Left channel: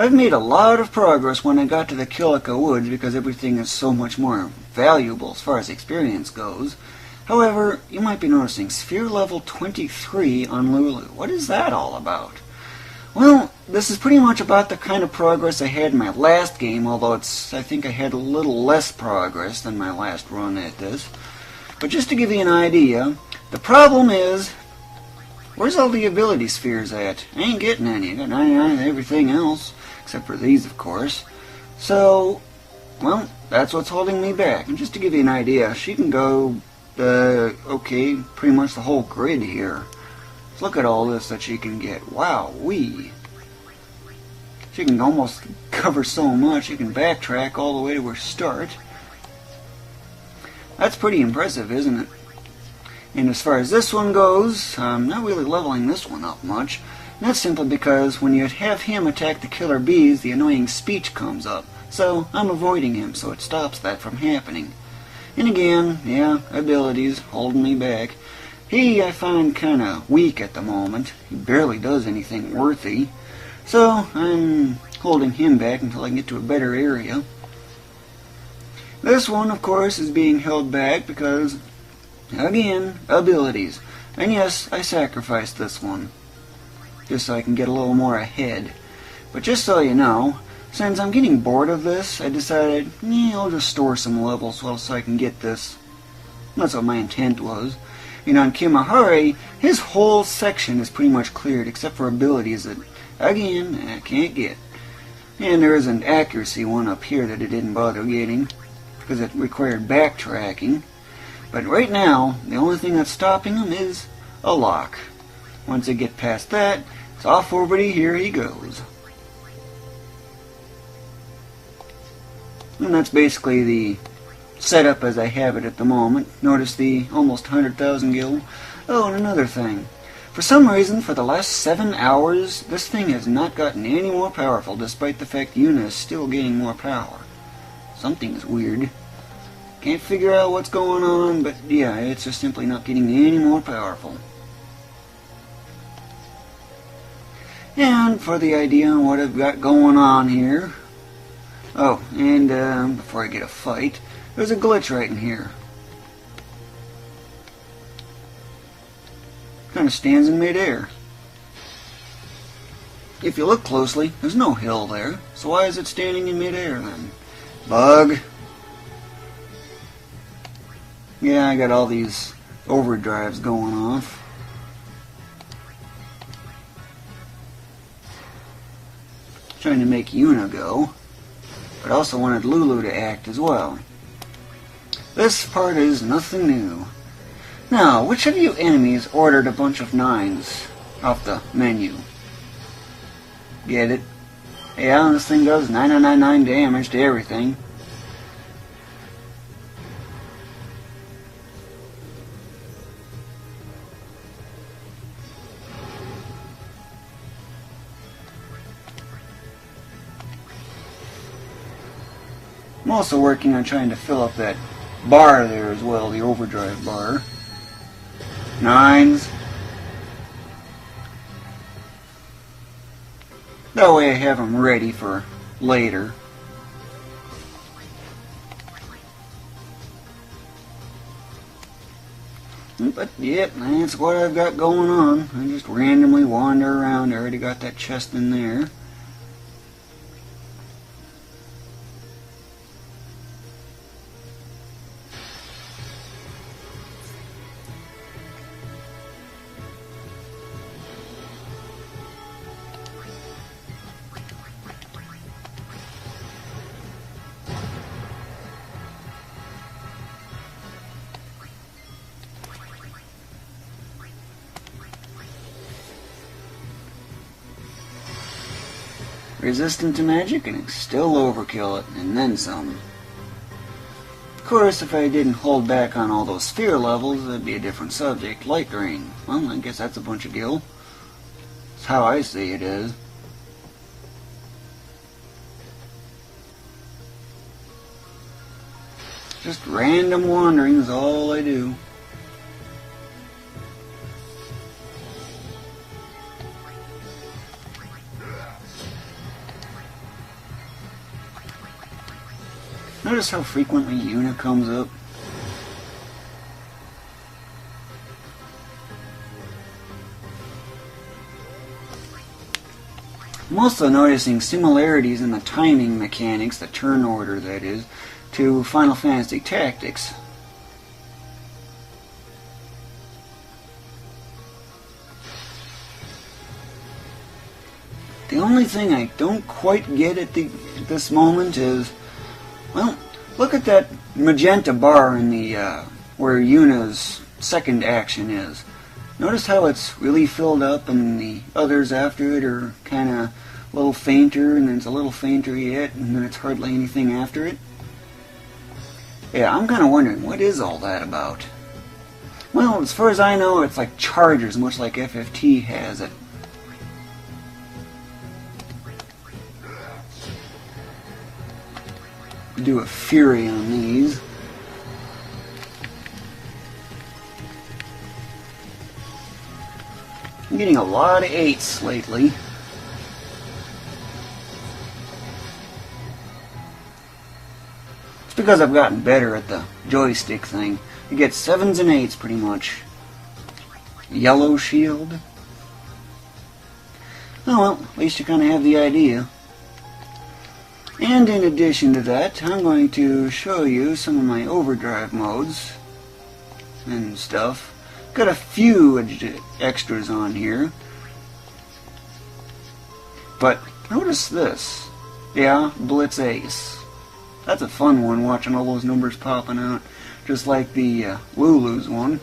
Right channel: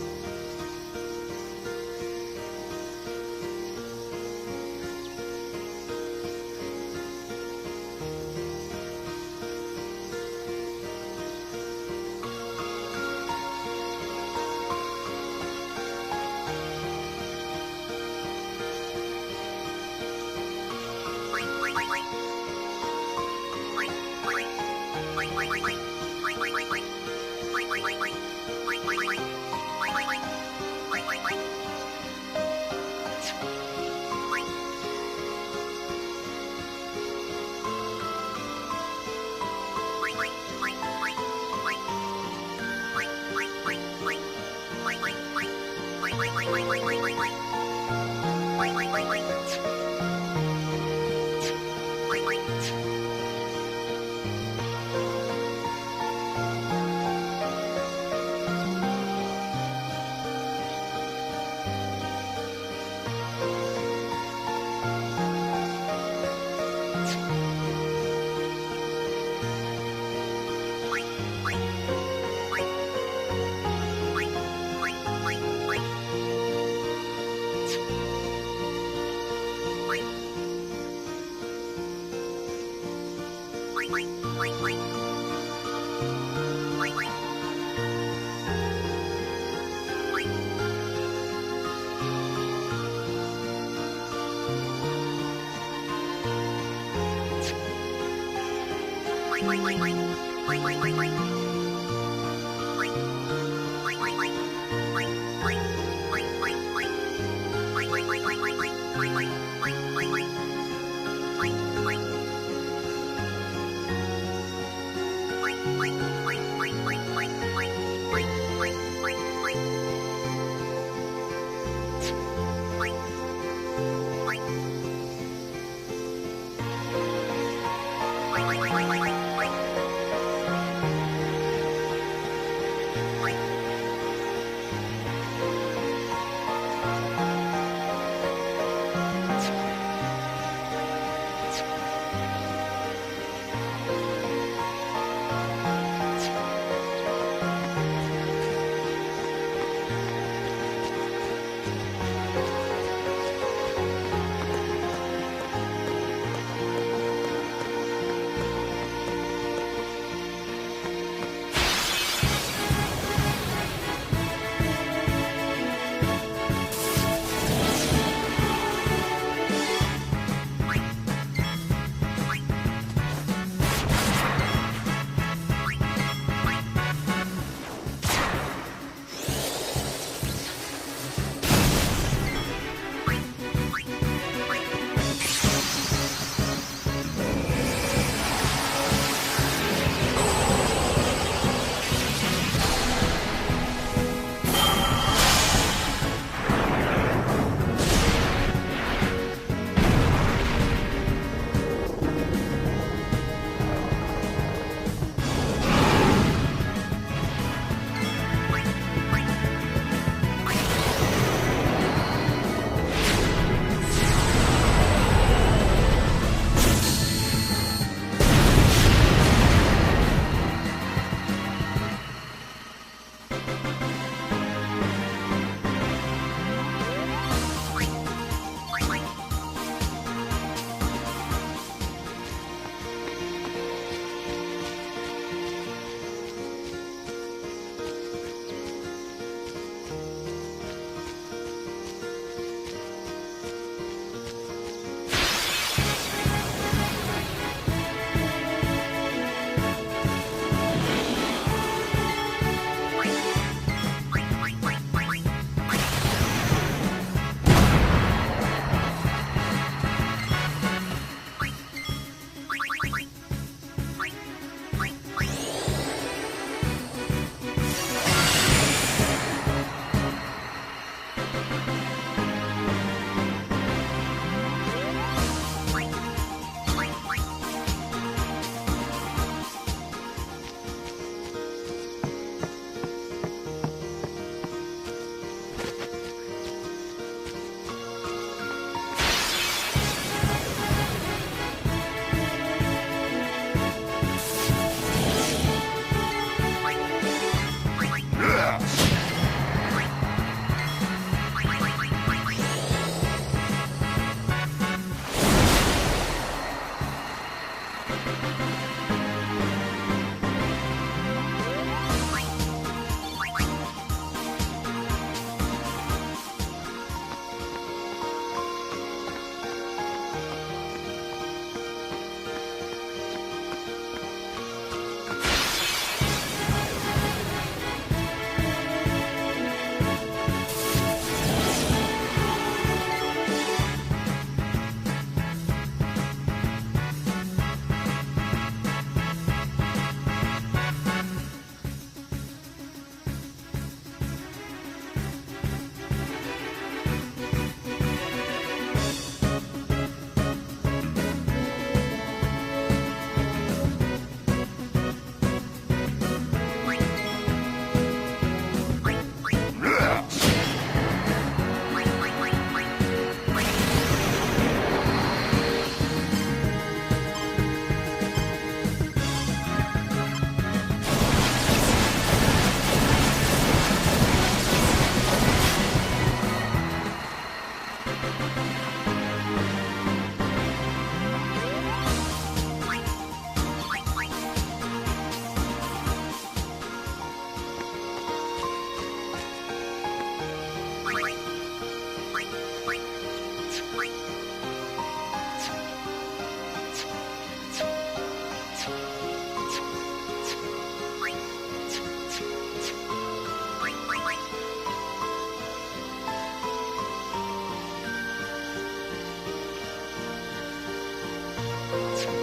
I've made a lot of progress when I got to the Kilika Woods because everything is so much more valuable as far as experience goes. However, you might be noticing sphere level 23 on Lulu. What is that all about? Well, this is pretty much about the kind of progress I had in my last game, although I think I had a little less progress than my last run at this. But just to give you an idea, the problem is, where's all the ability spheres at? I ain't getting any. I got 99 and everything else, except for these, of course. So, well, that's what's holding me back. And just to give you an idea, she can go, okay, pretty much the whole grid here. Look at all this that she can get. Wow-wee. She can almost cover so much, she can backtrack all the way to her start. That's pretty impressive, isn't it? And as far as this one goes, I'm not really leveling this one up much. And that's simply because when you have him attack the killer bees, the annoying speech comes up. So I'm avoiding him so it stops that from happening. And again, yeah, abilities holding me back. He I find kind of weak at the moment. He barely does anything worthy. So I'm holding him back until I get to a better area. This one, of course, is being held back because, again, abilities. And yes, I sacrificed this one, just so I can get a little more ahead. But just so you know, since I'm getting bored of this, I decided, I'll just store some levels so I can get this. That's what my intent was. And on Kimahari, his whole section is pretty much cleared, except for abilities that, again, I can't get. And there is an accuracy one up here that it didn't bother getting, because it required backtracking. But right now, the only thing that's stopping him is a lock. Once I get past that, off over to here he goes. And that's basically the setup as I have it at the moment. Notice the almost 100,000 gil. Oh, and another thing. For some reason, for the last 7 hours, this thing has not gotten any more powerful, despite the fact Yuna is still gaining more power. Something's weird. Can't figure out what's going on, but yeah, it's just simply not getting any more powerful. And for the idea on what I've got going on here. Oh, and before I get a fight, there's a glitch right in here. Kind of stands in midair. If you look closely, there's no hill there, so why is it standing in midair then? Bug. Yeah, I got all these overdrives going on. Trying to make Yuna go. I also wanted Lulu to act as well. This part is nothing new. Now, which of you enemies ordered a bunch of 9s up the menu? Get it? Yeah, this thing does 999 damage to everything. I'm also working on trying to fill up that bar there as well, the overdrive bar. 9. That way I have them ready for later. But yeah, that's what I've got going on. I just randomly wander around. I already got that chest in there. Resistant to magic and still overkill it, and then some. Of course, if I didn't hold back on all those sphere levels, that'd be a different subject. Light drain. Well, I guess that's a bunch of gil. That's how I see it is. Just random wandering is all I do. Notice how frequently Una comes up? I'm also noticing similarities in the timing mechanics, the turn order that is, to Final Fantasy Tactics. The only thing I don't quite get at this moment is, well, look at that magenta bar in the where Yuna's second action is. Notice how it's really filled up and the others after it are kind of a little fainter, and then it's a little fainter yet, and then it's hardly anything after it. Yeah, I'm kind of wondering, what is all that about? Well, as far as I know, it's like chargers, much like FFT has it. Do a fury on Lulu. I'm getting a lot of ace lately. It's because I've gotten better at the joystick thing. You get 7s and 8s pretty much. Yellow shield. Oh well, at least you kind of have the idea. And in addition to that, I'm going to show you some of my overdrive modes and stuff. Got a few extras on here. But notice this. Yeah, Blitz Ace. That's a fun one, watching all those numbers popping out. Just like the Lulu's one.